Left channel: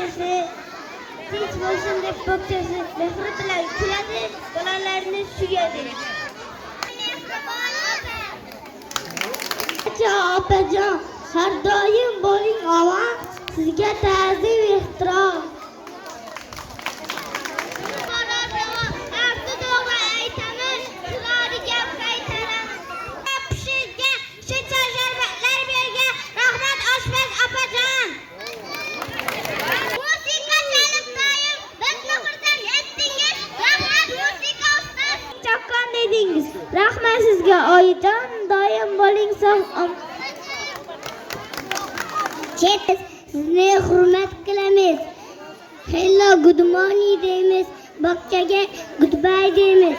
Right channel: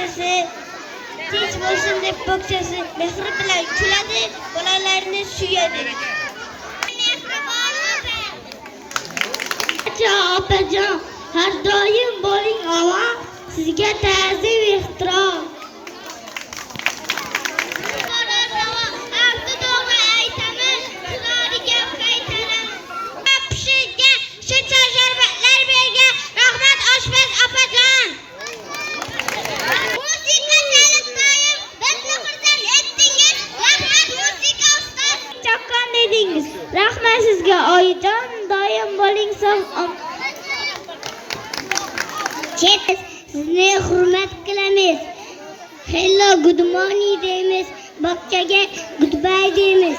barchasi tinch bo'lsin deb bo'kchasi mehri bilan kuladi, bolalarni suyadi. Opajon, har doim bo'ling omon, sizga ta'zim ehtirom. Rahmat sizga oyijon, doim bo'ling sog'. Sizni hurmat qilamiz. Hello, good morning deymiz. Bog'chaga goodbye deymiz.